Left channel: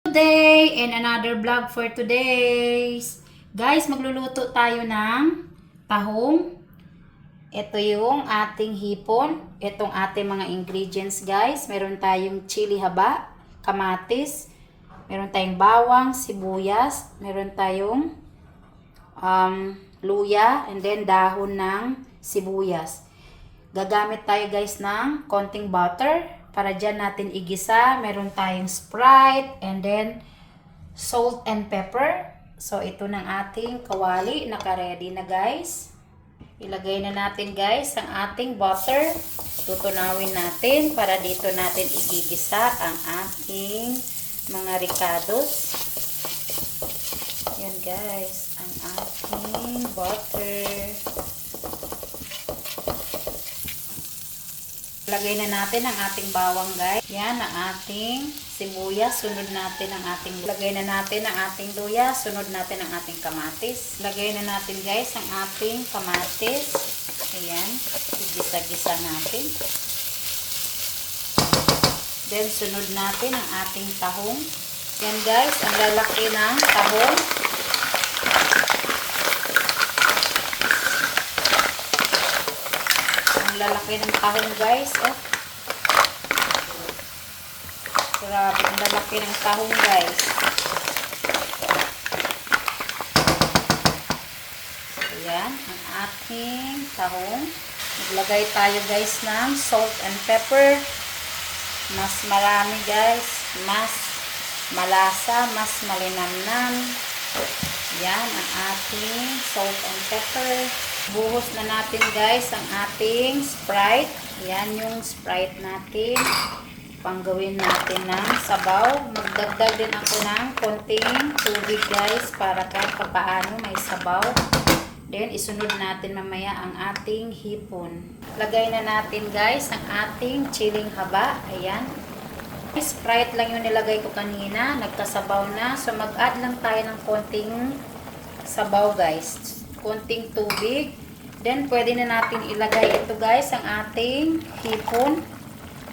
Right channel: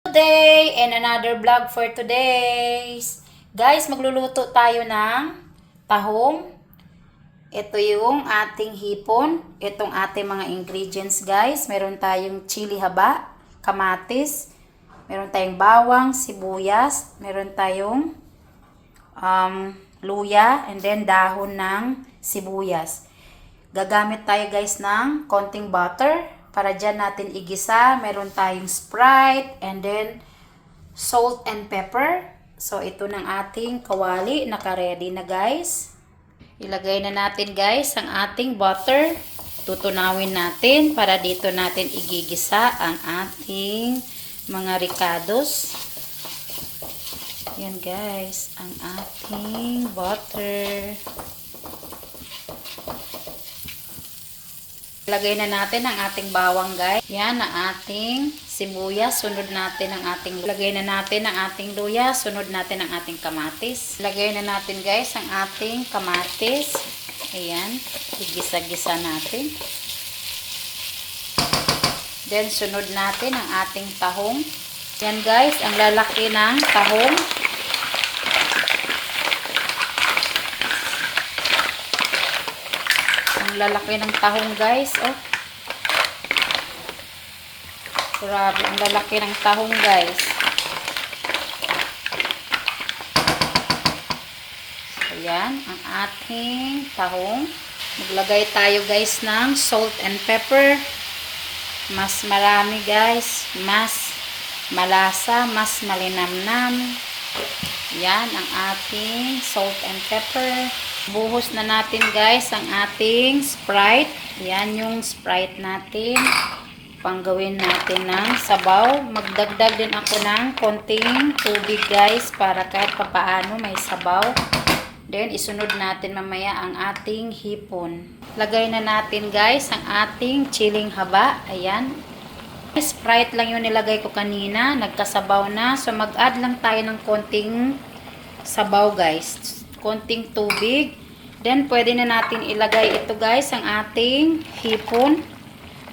Today and another vlog for today's. Guys, magluluto tayo ng tahong. Ito yung ating hipon. Itong ating mga ingredients, guys. Meron tayong chili haba, kamatis, meron tayong bawang, sibuyas, meron tayong luya, and then dahon ng sibuyas. Gagamit tayo, guys, ng konting butter para dyan natin igisa. Meron tayong Sprite and then salt and pepper. So ito ng ating kawali, naka-ready na, guys. Ilagay na natin, guys, ang ating butter. Tutunawin natin para dito natin igigisa ang ating mga ricados. Yan, guys, ang ating butter. Lagay na natin ang ating bawang, guys. Yan ang ating sibuyas. Sunod natin ang ating lagay na natin ang ating luya. Sunod natin ang ating kamatis. Lagay na natin, guys, ang ating kamatis. Ayan. Igisa-gisa natin. Then sunod natin ang ating tahong. Yan, guys, ang lalaki ng tahong. Lalaki ng tahong, guys. Oh. Grabe, ang lalaki ng tahong, guys. Ayan, ang ating tahong. Maglagay tayo, guys, ng salt and pepper. Mas marami, guys. Mas malasa, mas malinamnam. Yan ang ating salt and pepper. Buhos na natin, guys, ang ating Sprite. Yan yung Sprite natin. Panggawin natin ng sabaw. Magdagdag din ako ng konting tubig, guys, para kahit papaano may sabaw. Then isunod natin mamaya ang ating hipon. Lagay na natin, guys, ang ating chiling haba. Ayan. Sprite lang yung nilagay ko kanina. Nagkasabaw na. So mag-add lang tayo ng konting sabaw, guys. Konting tubig. Then pwede na natin ilagay ito, guys, ang ating hipon.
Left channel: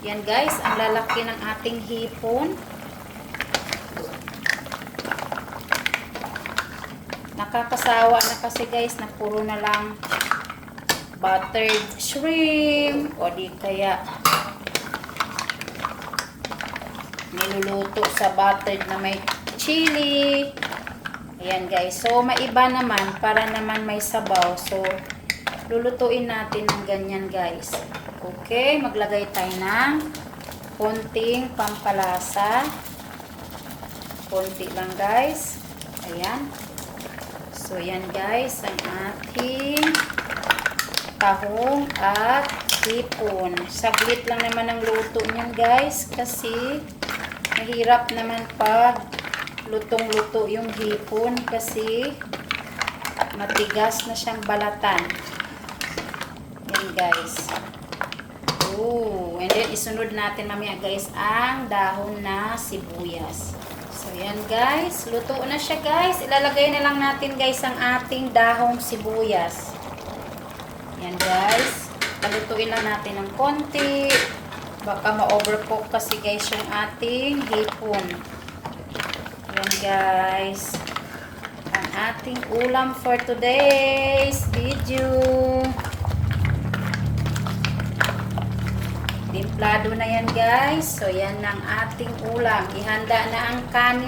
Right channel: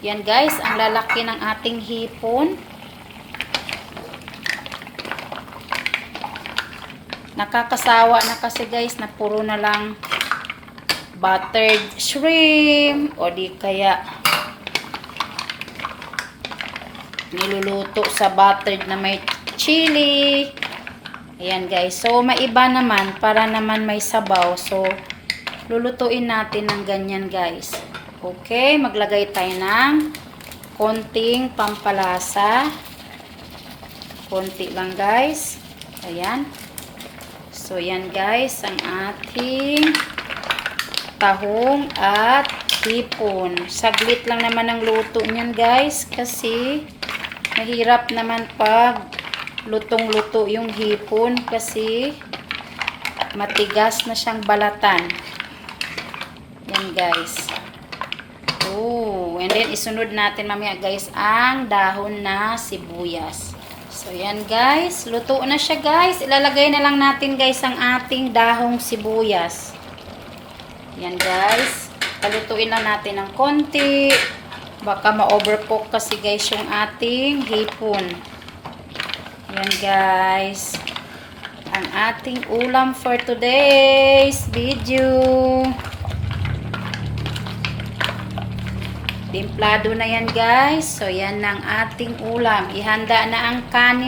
Yan, guys, ang lalaki ng ating hipon. Nakakasawa na kasi, guys, na puro na lang buttered shrimp o di kaya niluluto sa buttered na may chili. Ayan, guys. So, maiba naman para naman may sabaw. So, lulutuin natin ng ganyan, guys. Okay, maglagay tayo ng konting pampalasa. Konti lang, guys. Ayan. So, yan, guys, ang ating tahong at hipon. Saglit lang naman ang luto niyan, guys, kasi mahirap naman pag lutong-luto yung hipon kasi matigas na siyang balatan. Yan, guys. Oh, and then isunod natin mamaya, guys, ang dahon na sibuyas. So yan, guys, luto na siya, guys. Ilalagay na lang natin, guys, ang ating dahong sibuyas. Yan, guys. Palutuin lang natin ng konti. Baka ma-overcook kasi, guys, yung ating hipon. Yan, guys, ang ating ulam for today's video. Timplado na yan, guys. So yan ang ating ulam. Ihanda na ang kanin.